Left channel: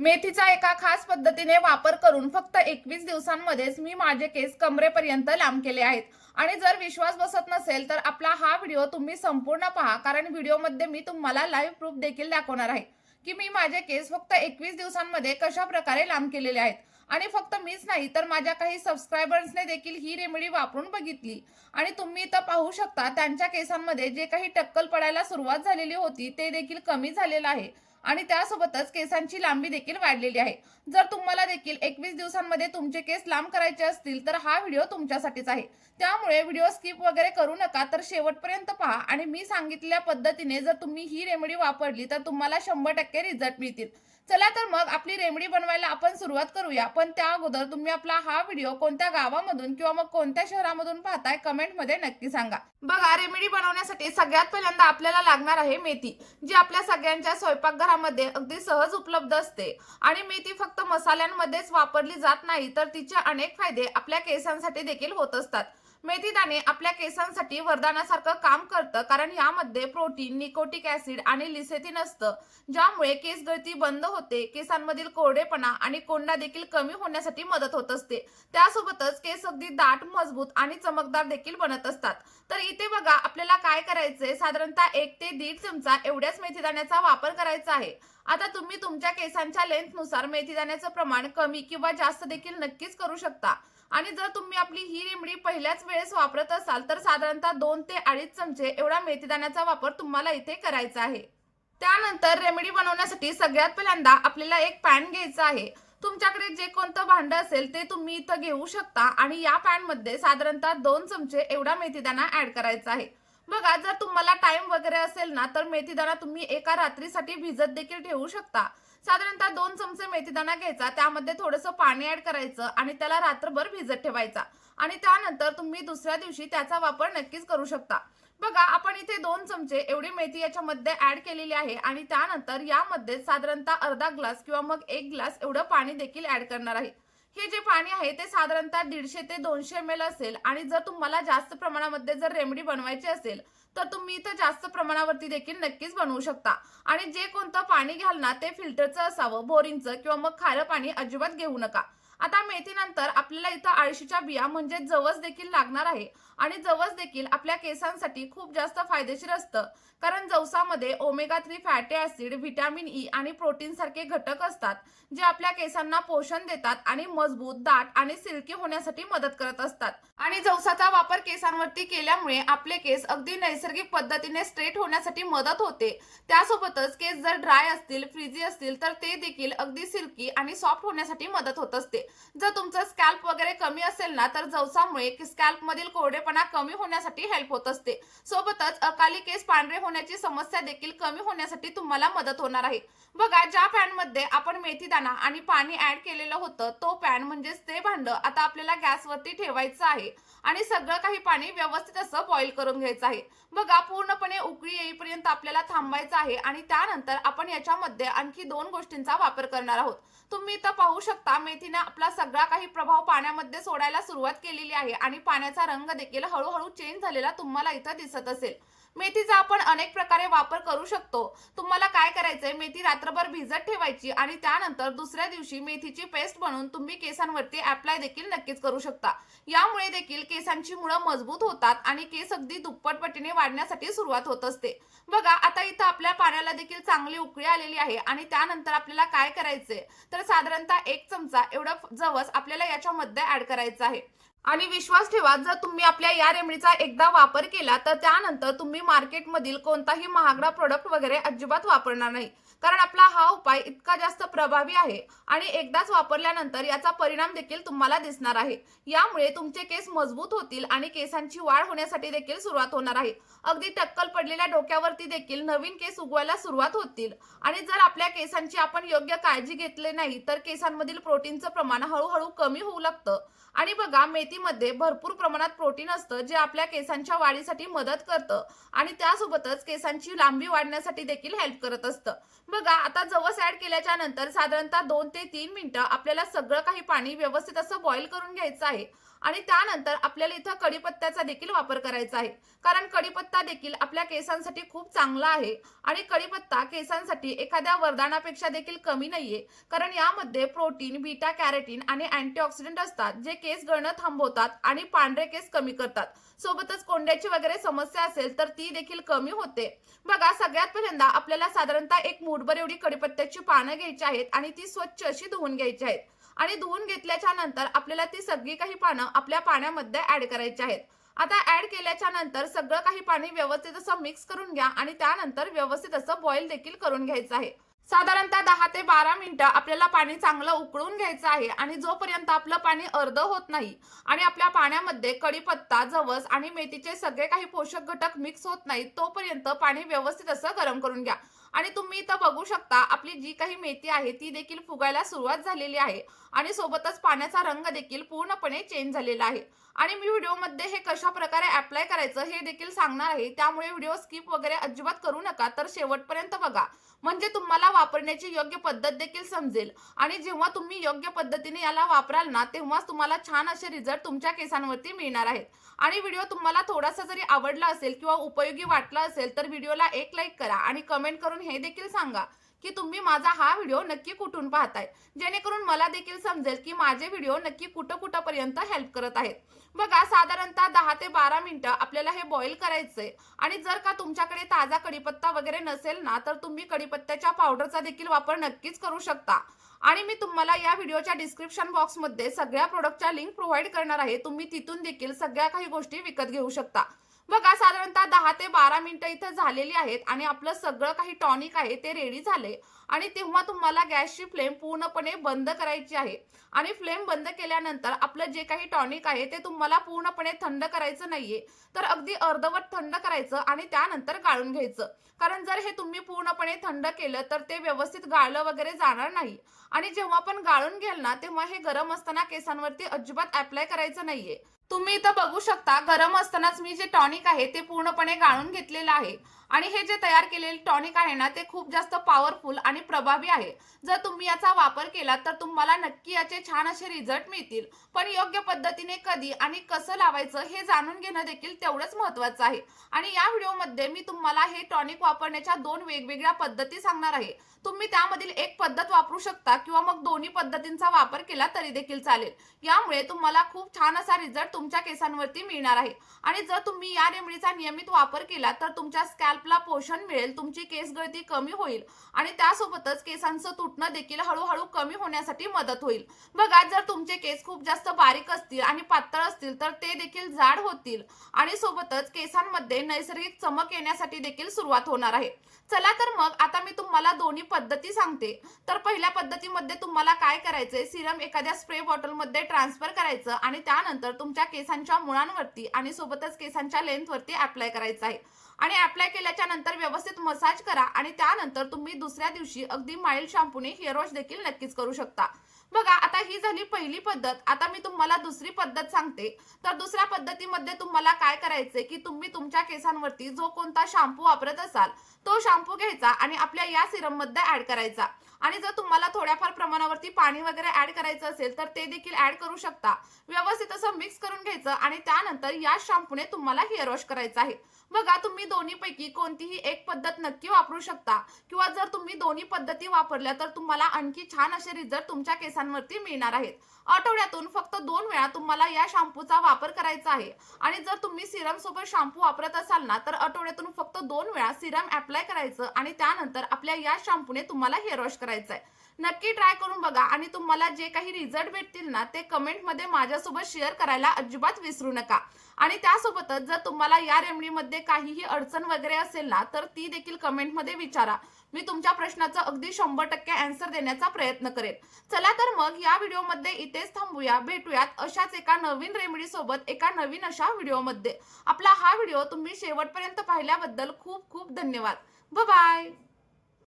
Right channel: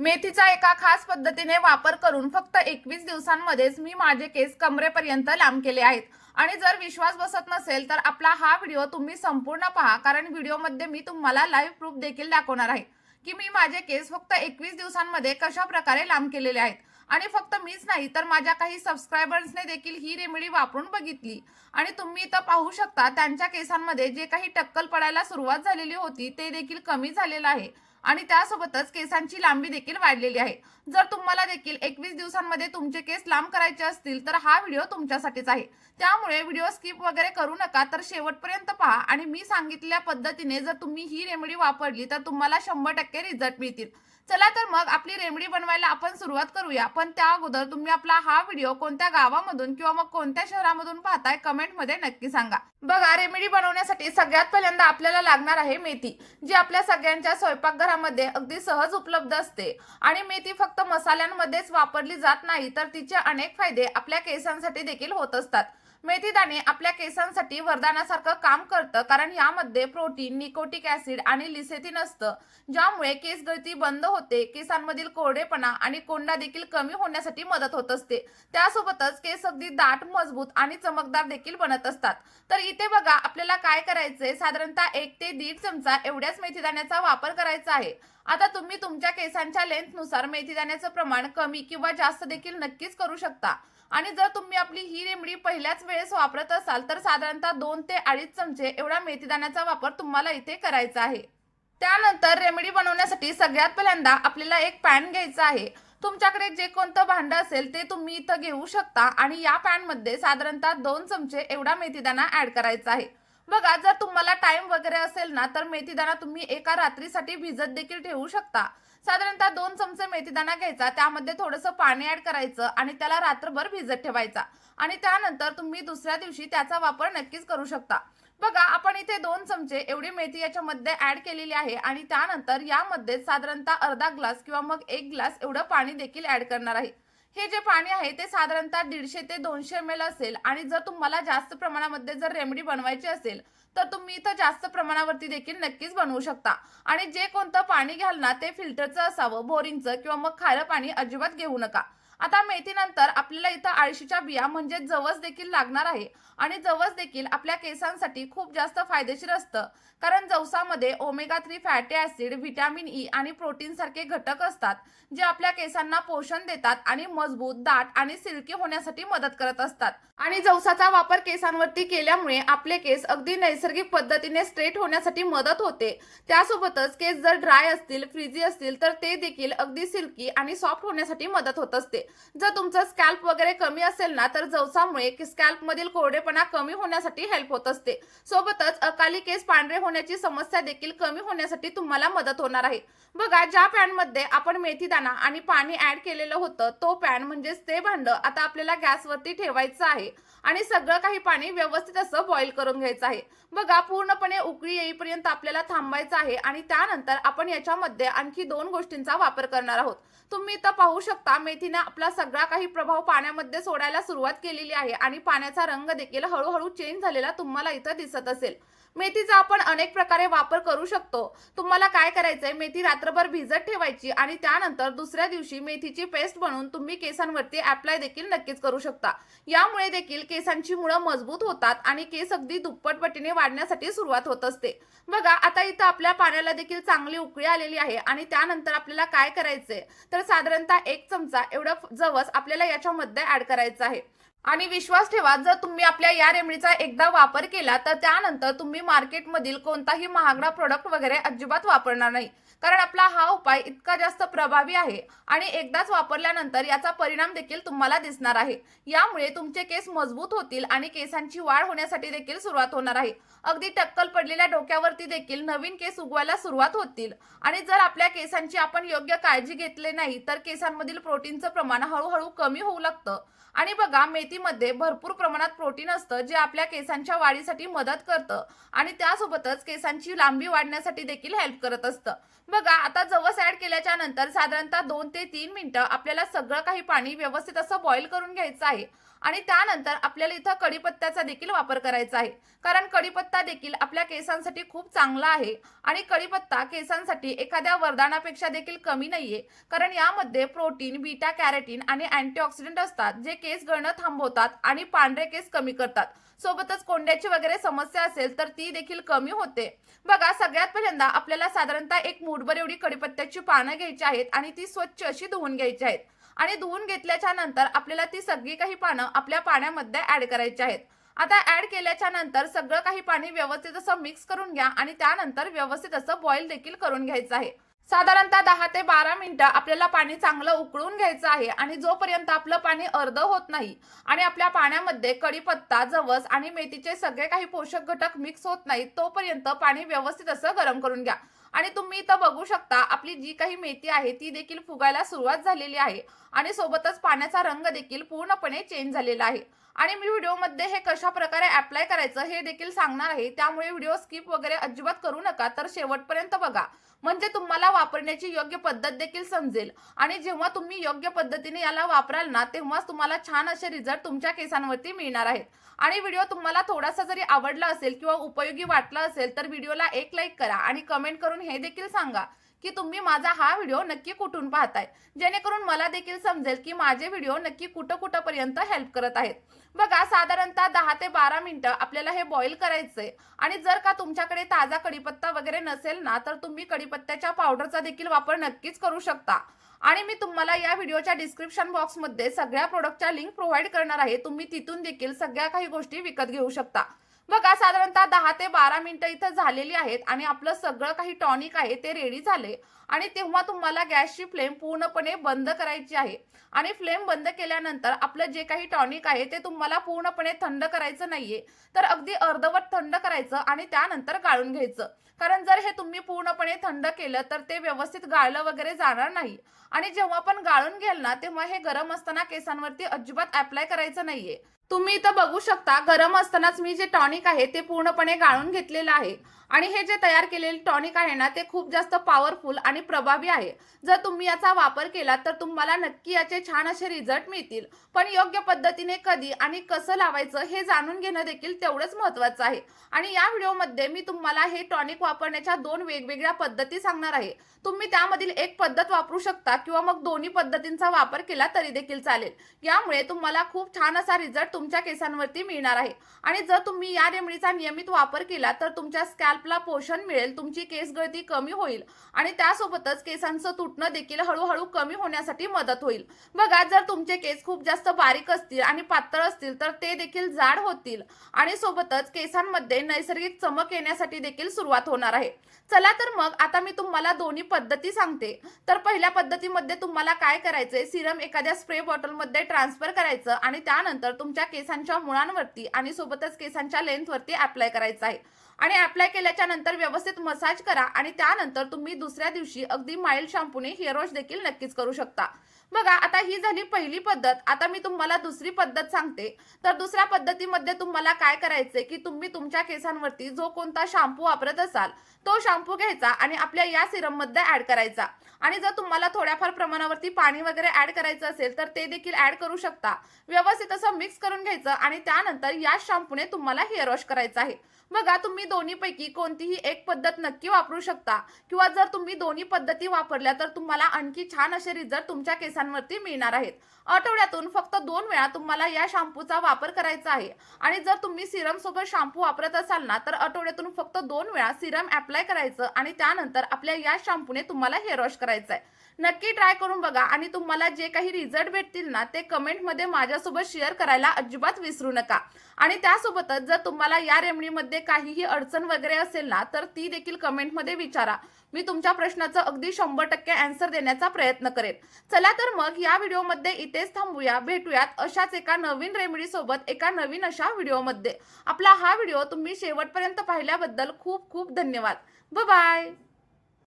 मेथीचा एका खास पद्धतीने वापर करून फक्त 21 दिवसांमध्येच मी माझे केस कमरेपर्यंत लांब केले आहेत. आणि जर विश्वास बसत नसेल तर आपला हा व्हिडिओ तुम्ही संपूर्ण पहा, कारण व्हिडिओमध्ये मी तुम्हाला लाईव्ह प्रूफ देखील दाखवणार आहे की मी माझे केस फक्त 21 दिवसांमध्ये कशा प्रकारे लांब केलेले आहेत. आणि फक्त मीच नाही तर माझ्या काही सबस्क्रायबर्सने देखील ही रेमेडी वापरून बघितली आणि तुम्ही इथं पाहू शकता त्यांच्या केसांमध्ये जे काही टक्कल पडायला सुरुवात झालेली होती ते देखील कमी झालेलं आहे आणि त्यासोबतच केसांची लांबी देखील वाढलेली आहे. जर तुम्हाला देखील 21 दिवसांमध्ये तुमचे केस लांब करायचे असतील तर हा व्हिडिओ तुमच्यासाठीच आहे. त्यामुळे व्हिडिओ स्किप वगैरे करू नका, तर शेवटपर्यंत पहा आणि मी सांगितलेल्या पद्धतीने जर तुम्ही ही रेमेडी वापरली तर तुम्हाला 100% रिझल्ट मिळतील. चला तर मग आपली रेमेडी बनवायला आपण सुरुवात करूया. पण त्या अगोदर तुम्ही आपला हा व्हिडिओ कोणत्या गावामधून किंवा मग कोणत्या शहरामधून पाहताय कमेंटमध्ये नक्की सांगा. बघा, रेमेडी बनवण्यासाठी सगळ्यात पहिल्यांदा आपल्याला लागणार आहे मेथी, जी आपल्या सगळ्यांच्या स्वयंपाकघरामध्ये अगदी सहज उपलब्ध असते. आणि मेथी फक्त मसाल्यांमध्येच वापरली जात नाही तर तिचे अनेक फायदे आपल्या केसांसाठी देखील होत असतात. मेथी दाणे आपल्या केसांसाठी वरदानासारखं काम करतं, कारण यामध्ये प्रोटीन, निकोटिक ऍसिड आणि लिसेथिन असतं, ज्यामुळे केस गळती बंद होते, केसांमधील कोरडेपणा आणि कोंडा देखील कमी होण्यासाठी मदत होत असते. त्यासोबतच केस अगदी दाट, मजबूत आणि चमकदार देखील बनत असतात. तर इथे बघा आपल्याला काय करायचंय, साधारणतः 1 ते 1.5 चमचा एवढ्याच मेथीदाण्याचा वापर करायचा आहे. आता तुम्ही तुमच्या केसांच्या लेंथनुसार मेथीदाण्याचं प्रमाण कमी किंवा जास्त देखील नक्कीच करू शकता. आणि जर तुम्ही आपली ही रेमेडी पहिल्याच वेळेस वापरत असाल तर साधारणतः 2 ते 2.5 चमचे एवढा मेथीदाण्याचा वापर तुम्हाला इथे करायचा आहे. त्यानंतर रेमेडी बनवण्यासाठी सगळ्यात पहिल्यांदा आपल्याला एक पॅन घ्यायचा आहे. तुमच्याकडे जे कोणतं भांडं असेल ते तुम्ही इथं घेऊ शकता आणि या पॅन मध्ये साधारणतः 2 चमचे एवढा मेथीदाणा ऍड करायचा आहे. बघा, जर तुम्हाला टाइम वगैरे असेल ना तर मेथीदाणा तुम्ही एका रात्रीसाठी भिजत देखील ठेवू शकता. साधारणतः 2 चमचे मेथीदाणा घ्यायचा, त्यामध्ये थोडंसं पाणी ऍड करायचं आणि त्याला रात्रभर भिजत ठेवायचा आणि त्यानंतर तुम्ही दुसऱ्या दिवशी त्याचा वापर नक्कीच करू शकता. बघा, आपण इथे 2 चमचे एवढी मेथी याच्यामध्ये ऍड केलेली आहे आणि त्यानंतर यामध्ये साधारणतः अर्धा ग्लास किंवा मग 1 ग्लास एवढं पाणी देखील ऍड करणार आहे. हे जे पाणी आहे ते साधारणतः 150 ते 200 ml असेल आणि जर तुम्हाला जास्त प्रमाणामध्ये जर रेमेडी बनवायची असेल तर तुम्ही इथं जास्त प्रमाणावरती देखील नक्कीच बनवू शकता. आणि जे कोणतं पाणी घ्याल ना ते फिल्टरचं असावं, बोरिंगचं किंवा मग खारं पाणी अजिबात घेऊ नका. आता मेथीनंतर आपल्याला इथं आळशीच्या बिया म्हणजे जवस देखील लागणार आहे आणि जवस देखील आपल्या केसांसाठी खूप जास्त फायदेशीर असतं, कारण जवसामध्ये omega 3 fatty acid, vitamin E आणि प्रोटीन सारखे घटक असतात, जे आपल्या केसांना पोषण देतात आणि मजबूत, दाट आणि सिल्की होण्यासाठी मदत करत असतात. आणि जवसाचा वापर केसांवरती केल्यामुळे आपले केस अगदी नैसर्गिक पद्धतीने स्ट्रेट होण्यासाठी मदत होते. त्यासोबतच केस जर ड्राय असतील, फ्रीजी असतील तर ते देखील अगदी सिल्की आणि सॉफ्ट होण्यासाठी मदत होत असते. जर तुमचं स्कॅल्प वगैरे कमी असेल ना तर जवसामुळे स्कॅल्प मधील कोरडेपणा कमी होण्यासाठी हेल्प होत असते. सोबतच अकाली केस पांढरे होण्याची समस्या देखील कमी होण्यासाठी तुम्हाला मदत होणार आहे. बघा, ज्या पॅन मध्ये आपण मेथीदाणा आणि पाणी ऍड केलेलं होतं तो पॅन म्हणजेच ते भांडं आता आपल्याला गॅसवरती ठेवायचं आहे आणि सगळं काही पाणी व्यवस्थित असं बॉईल करून घ्यायचं आहे. बघा, पूर्णपणे उकळी येईपर्यंत आपल्याला थांबायचं आहे आणि त्यानंतर आपण याच्यामध्ये आणखी 2 गोष्टींचा वापर करणार आहोत. तुम्ही इथं पाहू शकता मेथीने आपला सगळा काही प्रभाव पाण्यामध्ये सोडायला सुरुवात केलेली आहे आणि पाण्याचा रंग देखील हळूहळू चेंज झालेला तुम्हाला इथं दिसत असेल. मेथीचा आपण अनेक प्रकारे वापर करू शकतो. तुम्हाला काय करायचंय, मेथी रात्रभर भिजत ठेवायची आणि त्यानंतर दुसऱ्या दिवशी मेथीची पेस्ट बनवून तुम्ही केसांवरती अप्लाय देखील नक्कीच करू शकता. यामुळे देखील केसांची मुळं मजबूत होतात आणि केस अगदी दुप्पट पटीने वाढण्यासाठी सुरुवात होत असते. बघा, आता इथं आपल्या पाण्याला देखील चांगली उकळी आलेली आहे आणि त्यानंतर आपल्याला काय करायचंय तर साधारणतः 1 चमचा एवढं जवस आपल्याला याच्यामध्ये ऍड करायचं आहे. आणि विश्वास ठेवा, जर तुम्ही आपल्या या रेमेडीचा एकदा वापर केला तर त्यानंतर तुम्ही मार्केटमधील कोणताही महागडा प्रोडक्ट वगैरे अजिबात वापरणार नाही, कारण आपला हा उपाय इतका जास्त प्रभावी आहे आणि एकदाच वापरल्यानंतर याचा परिणाम देखील तुम्हाला दिसणार आहे. यामुळे तुमचे केस मजबूत होतील आणि केसांची वाढ होण्यासाठी देखील सुरुवात होणार आहे. अगदी टक्कल पडलेल्या डोक्यावरती देखील नवीन केस उगवायला सुरुवात होतील. आणि जर आपल्या केसांची आपण योग्य काळजी घेतली नाही तर केसांमधील प्रोटीनचं प्रमाण हळूहळू कमी होऊ लागतं. आणि बघा, मेथीमध्ये भरपूर प्रमाणात प्रोटीन असतं, जे आपल्या केसांच्या वाढीसाठी मदत करतं आणि त्यासोबतच केसांची लांबी वाढण्यासाठी देखील हेल्प करत असतं. बघा, आता जवस ऍड केल्याच्या नंतर साधारणतः 2 ते 3 मिनिटं आपल्याला सगळं काही पाणी व्यवस्थित असं बॉईल करून घ्यायचं आहे आणि त्यानंतर आपल्याला इथं कढीपत्त्याचा देखील वापर करायचा आहे, कारण कढीपत्ता देखील आपल्या केसांसाठी खूप चांगला आहे. आणि कढीपत्ता केसांसाठी एखाद्या वरदानापेक्षा देखील कमी नाहीये, कारण यामध्ये प्रोटीन, बीटा कॅरोटीन आणि अँटीऑक्सिडंट असतात, जे केस गळणं थांबवतात आणि पांढरे केस कमी करतात. सोबतच कोंड्याची वगैरे समस्या असेल तर ती देखील कमी होते. बघा, सगळ्यात पहिल्यांदा आपल्याला साधारणतः एक मूठभर एवढी कढीपत्त्याची पानं घ्यायची आहेत आणि ती स्वच्छ अशी धुवून घ्यायची आहेत. आणि धुवून घेतल्याच्या नंतर आपल्याला ती सगळी काही पानं आपल्या पाण्यामध्ये ऍड करायची आहेत. आता ऍड केल्याच्या नंतर सगळं काही पाणी व्यवस्थित असं मिक्स करून घ्या आणि त्यानंतर व्यवस्थित असं बॉईल देखील करून घ्यायचं आहे. साधारणतः 10 ते 12 मिनिटं आपल्याला पाणी चांगलं उकळून घ्यायचं आहे. आणि जोपर्यंत आपलं पाणी अर्ध होत नाही आणि आपल्या पाण्यामध्ये कढीपत्ता, जवस आणि मेथीचे सगळे काही पोषक घटक मिक्स होत नाहीत, तोपर्यंत पाणी व्यवस्थित असं गरम करून घ्या. आणि तुम्ही इथं बघू शकता, आपली जी काही मेथी आहे ती देखील फुगायला सुरुवात झालेली आहे आणि सोबतच पाण्याचा रंग देखील पूर्णपणे चेंज झालेला आहे. आणि मी व्हिडिओमध्ये हे कशा प्रकारे अप्लाय करायचं हे देखील सांगणार आहे, त्यामुळे व्हिडिओ स्किप वगैरे अजिबात करू नका, तर शेवटपर्यंत बघा, म्हणजे तुम्हाला वापरण्याची योग्य पद्धत देखील समजेल. आणि जेव्हा तुम्ही योग्य पद्धतीने याला वापराल ना, तेव्हाच तुम्हाला छान असे रिझल्ट तुमच्या केसांवरती मिळणार आहेत. आणि व्हिडिओ तुम्हाला थोडासा जरी आवडला असेल किंवा उपयोगी वाटला असेल तर व्हिडिओला एक लाईक करा आणि कमेंट करून हे देखील सांगा की तुम्ही माझा हा व्हिडिओ नक्की कुठून पाहताय, जेणेकरून मला देखील समजेल की माझे व्हिडिओ नक्की कुठपर्यंत हेल्प करत आहेत. बघा, साधारणतः 10 ते 12 मिनिटं आपल्याला हे बॉईल करायचंय. आणि जर का तुमच्याकडे ताजा कढीपत्ता वगैरे नसेल ना, तर तुम्ही कढीपत्त्याच्या पावडरचा देखील वापर नक्कीच करू शकता. आणि मी तुम्हाला या व्हिडिओच्या डिस्क्रिप्शन बॉक्समध्ये सगळ्या प्रोडक्टच्या लिंक प्रोव्हाइड करणार आहे, तुम्ही तिथून देखील सगळ्या काही गोष्टी विकत घेऊ शकता. बघा, साधारणतः 10 ते 12 मिनिटं इथं झालेली आहेत आणि आपलं सगळं काही टॉनिक आहे ते रेडी झाले. आणि तेव्हा तुम्हाला गॅसची फ्लेम पूर्णपणे बंद करायची आहे. आणि फ्लेम बंद केल्यानंतर आपलं जे काही टॉनिक आहे ते तुम्हाला पूर्णपणे थंड करायचं नाहीये, तर अगदी अर्धवट थंड करायचं आणि त्यानंतर गाळून घ्यायचं. कारण जर हे तुम्ही पूर्णपणे थंड केलं तर ते व्यवस्थित गाळलं वगैरे जाणार नाही. आणि जेव्हा पण गाळून घ्याल ना, तेव्हा हे गरम असताना केसांवरती अजिबात अप्लाय करायचं नाहीये. तुम्ही इथं बघू शकता, गरम असतानाच मी जे टॉनिक आहे ते पूर्णपणे गाळून घेतलेलं आहे. आणि हे जे तयार केलेले टॉनिक आहे ना, ते खूप जास्त पॉवरफुल आणि प्रभावी आहे. जर तुम्ही याचा वापर केला तर तुम्हाला नक्की याचे छान असे रिझल्ट मिळतील. पण योग्य पद्धतीने कधी आणि कसं लावायचं हे जाणून घेणं देखील तेवढंच महत्त्वाचं आहे. आणि या व्हिडिओमध्ये मी तुम्हाला हे टॉनिक वापरण्याच्या 2 वेगवेगळ्या पद्धती सांगणार आहे. तुम्ही त्यामधील एक पद्धत वापरू शकता किंवा मग दोन्ही पद्धतींचा वापर केला तरी देखील चालेल. यामुळे तुम्हाला खूप छान असा रिझल्ट तुमच्या केसांवरती मिळणार आहे. आणि जर तुम्ही या रेमेडीचा नियमित वापर केला तर तुमच्या स्कॅल्पला पोषण मिळेल, तुमची केस गळती कमी होईल आणि त्यासोबतच केसांचं तुटणं देखील हळूहळू कमी होण्यासाठी मदत होईल. बघा, जर तुमचे केस खूप जास्त बारीक असतील आणि पातळ असतील तर ते देखील जाड होतील आणि सोबतच केसांमध्ये नैसर्गिक चमक येण्यासाठी देखील सुरुवात होणार आहे. चला तर मग आता मी तुम्हाला दोन्ही पद्धती सांगते. तर पहिल्या पद्धतीमध्ये तुम्हाला काय करायचंय, सिरम एखाद्या स्प्रे बॉटलमध्ये ट्रान्सफर करायचं आणि त्यानंतर तुमच्या केसांच्या मुळांवरती आणि सोबतच केसांच्या लेंथवरती अप्लाय करायचं आहे. आणि अप्लाय केल्याच्या नंतर व्यवस्थित मसाज करा आणि त्यानंतर तुम्ही दुसऱ्या दिवशी अगदी माइल्ड शॅम्पूने हेअर वॉश देखील नक्कीच करू शकता. बघा, आता ही झाली पहिली पद्धत. आता मी तुम्हाला दुसरी पद्धत सांगते. तर दुसऱ्या पद्धतीमध्ये तुम्हाला काय करायचंय की तुम्ही तुमच्या केसांवरती जो कोणता शॅम्पू वापरत असाल तो शॅम्पू घ्यायचा आणि आपल्या या सिरम मध्ये ऍड करायचा. आणि जर तुम्हाला थोड्याफार प्रमाणावरती पाणी वगैरे ऍड करायचं असेल तर ते देखील ऍड करू शकता. व्यवस्थित असं मिक्स करून घ्यायचं आणि त्यानंतर या शॅम्पूने तुम्हाला हेअर वॉश करायचं आहे. बघा, तुम्ही दोन्हीपैकी कोणतीही एक पद्धत नक्की वापरू शकता किंवा जर तुम्ही दोन्ही पद्धती वापरल्या तर तुम्हाला आणखी छान असे रिझल्ट तुमच्या केसांवरती मिळणार आहेत. आठवड्यातून फक्त 2 वेळा तुम्हाला या शॅम्पूचा वापर करायचा आहे. आणि जर तुम्ही सिरम सोबत शॅम्पू वापरत असाल ना, तर आठवड्यातून फक्त 2 वेळा सिरम अप्लाय करायचं आणि त्यानंतर आपल्या या शॅम्पूने तुम्हाला हेअर वॉश करायचं आहे. नक्की ट्राय करून बघा आणि तुम्हाला जे काही रिझल्ट भेटतील ना, ते कमेंटमध्ये माझ्यासोबत शेअर करायला अजिबात विसरू नका. आणि त्यासोबतच जर तुम्हाला या रेमेडीमध्ये काहीही अडचण वगैरे असेल ना, तर ती देखील कमेंटमध्ये विचारा. मी तुमच्या प्रश्नाचं अगदी 100% आन्सर देण्याचा प्रयत्न करेन. चला तर मग या व्हिडिओमध्ये इथेच थांबूया. भेटूयात अशाच एका नवीन रेमेडी सोबत एका नवीन अशा व्हिडिओमध्ये. आपला हा व्हिडिओ तुम्ही शेवटपर्यंत पाहिल्याबद्दल खूप खूप धन्यवाद. Bye bye.